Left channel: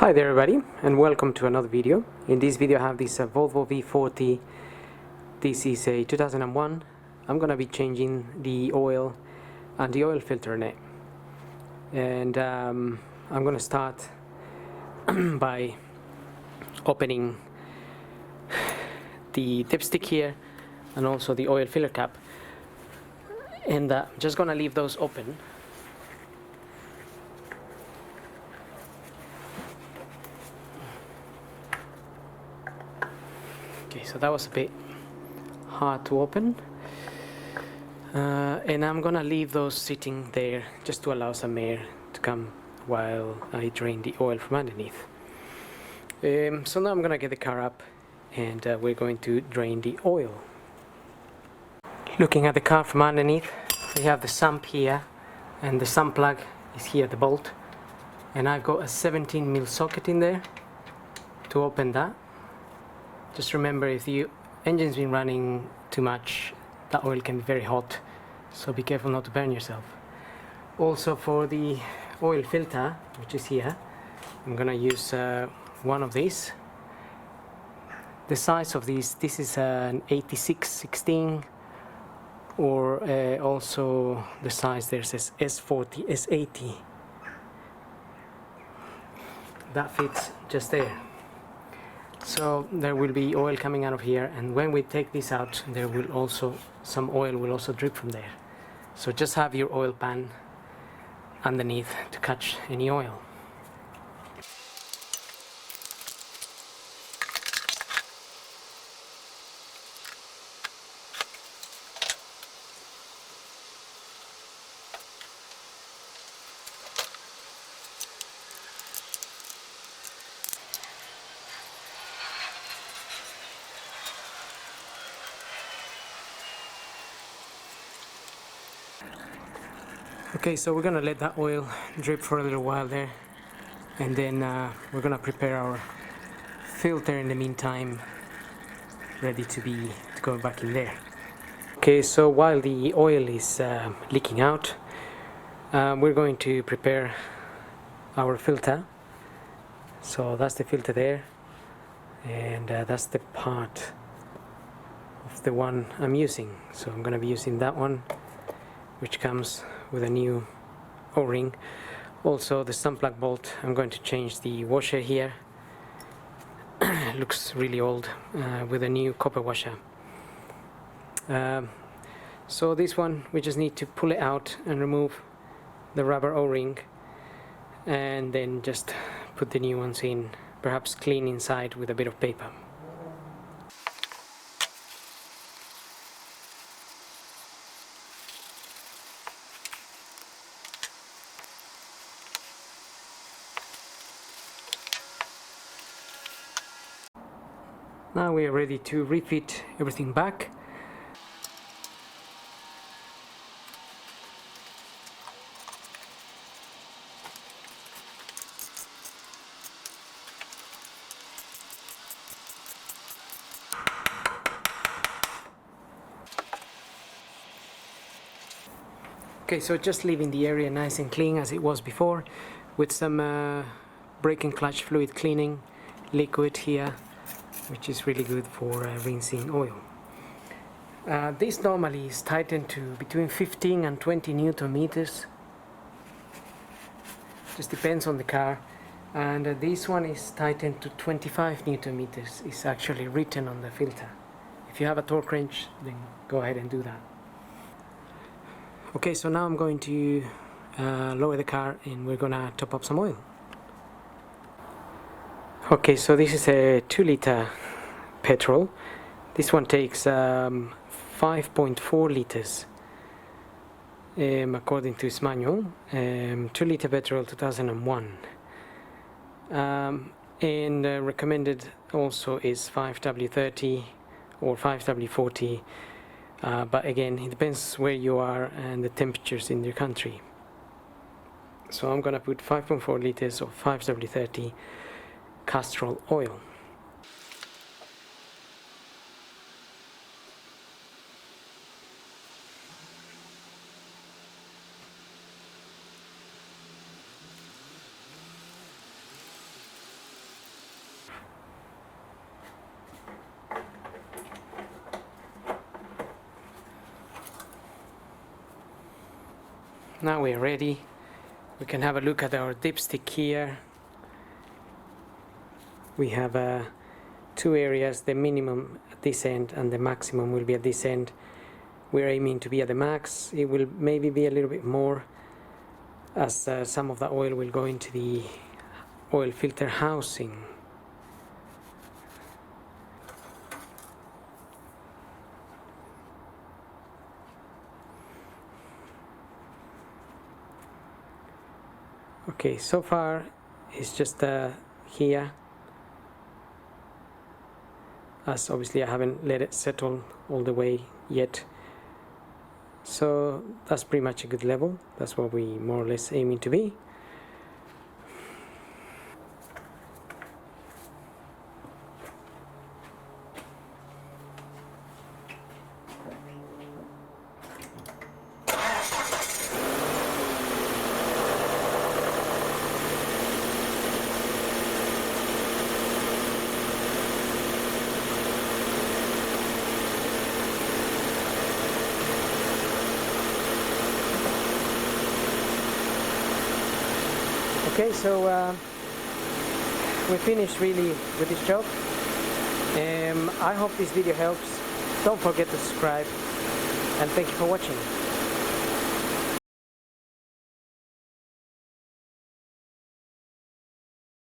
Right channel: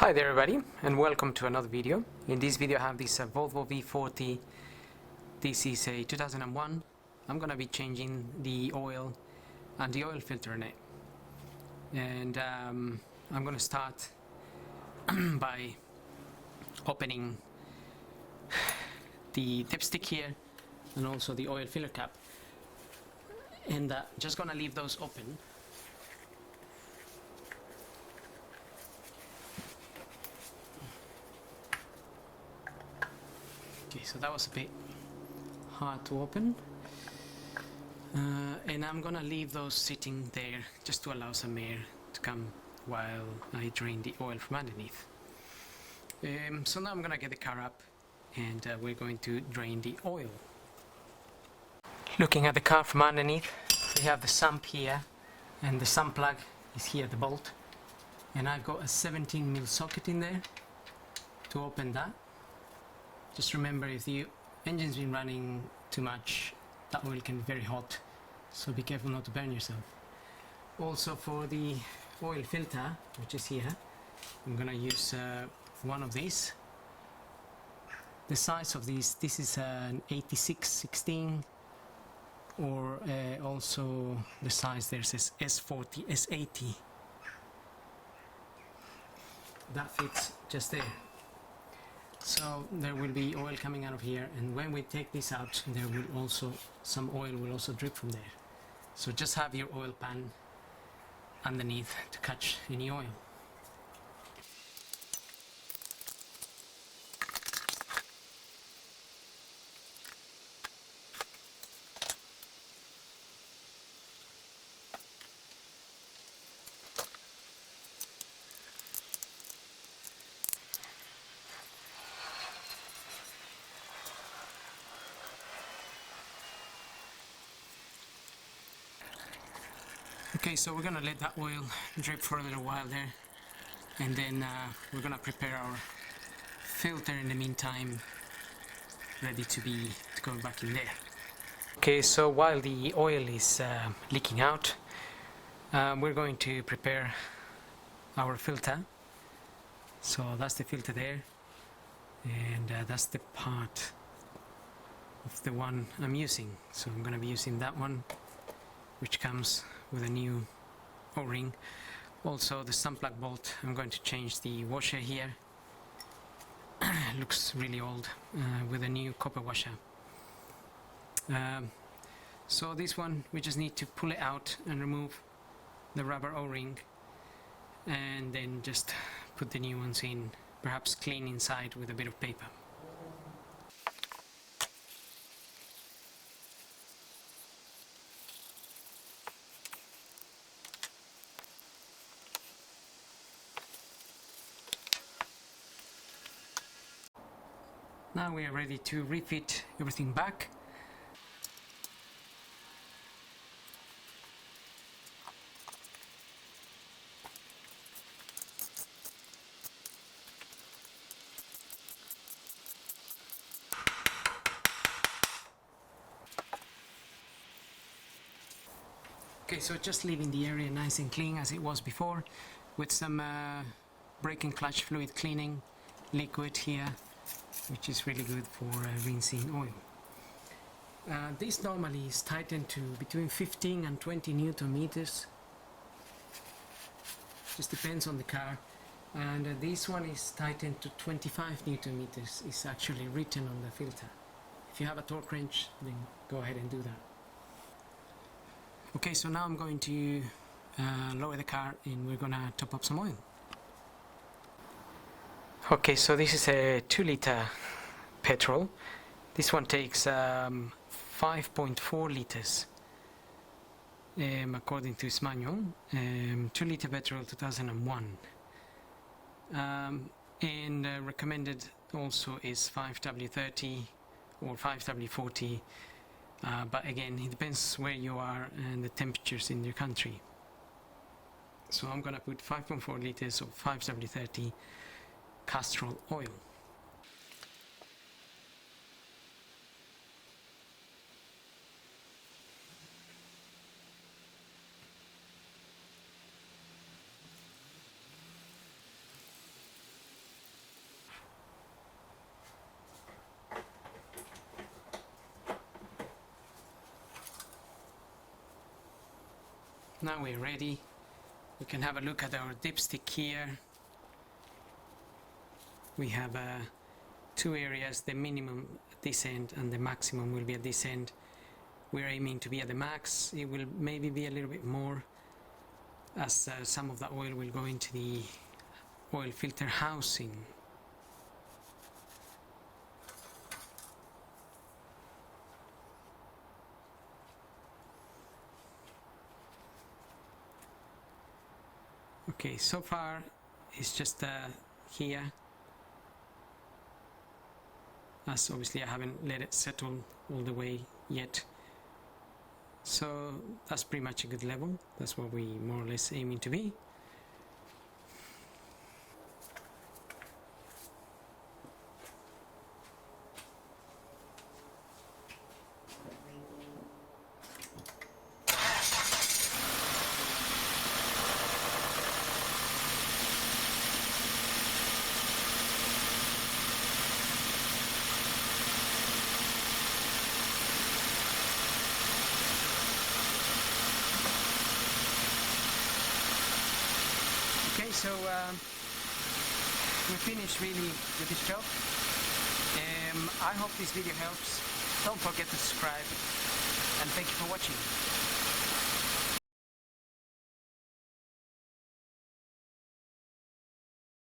Hi there everybody, and welcome to another video. In this video I have this Volvo V40. This is a 2001. I'm gonna be changing the oil and the oil filter in it, and I'm gonna start by opening the dipstick here and also the oil filler cap, and I'm just gonna leave those open. Okay, so that was a bit hard to open, and I'm gonna leave those sitting there just to allow some air to come while I drain the oil from underneath. So now I'm gonna get the car up and we're going to drain the oil. Looking at the car from underneath, we have the sump here, and the sump plug is here, the bolt, and I've got a 17mm socket in there to open that. Just remember, if the engine's been running too much, that oil can be very hot, so be careful not to burn yourself. Also, for the oil filter, which is here, I'm gonna use one of these. The size of this is an 86/16, or also the size there says S40, S80. That fits just there. So there will be oil coming out of here, and when we take this out, there will also some oil will also drip from there. So just have your oil pan underneath to catch any oil. Okay, so we're gonna let that oil drip for a little while there, and then we're gonna prepare our filter in the meantime, ready to go back in there. Okay, so while the oil is leaking out, we're going to prepare our filter. So that's the filter there, and that's the part of the one I'm using. So I'm gonna be using that one, which comes with a new O-ring. Also the sump plug bolt, I'm going to change the washer here. Looks really old, with a new copper washer. So this one, we just need to pull it out and remove the rubber O-ring, and then just put the new ones in, perhaps clean inside with a bit of paper. Now we are ready to refit everything back. Okay, so just leaving the area nice and clean as it was before, with some brake and clutch fluid cleaning liquid here, which is really good for rinsing oil. This normally is tightened to between 15 and 20 Newton meters. Just depends on the car. And this one is tightened to 25 Newton meters. It's actually written on the filter. If you have a torque wrench, then go ahead and do that. Okay, so now I'm going to lower the car, and we're gonna top up some oil. Okay, so this is a 2-liter petrol. This one takes 5.4 liters according to its manual. 2-liter petrol, 2001. And recommended also is 5W30 or 5W40, but again, it depends where you are and the temperatures in your country. So I'm gonna put 5.4 liters of 5W30 Castrol oil. Now we're ready. We can have a look at our dipstick here. We have two areas, the minimum at this end and the maximum will be at this end. We're aiming to be at the max. It will maybe be a little bit more as some of the oil will go into the oil filter housing. Okay, so far it's just here, as obviously I haven't let it settle all the way yet. So that's pretty much a good level. That's what we more or less aiming to be. Okay, so we're finished really with this job. I hope this video helps. Don't forget to subscribe, and thanks for watching.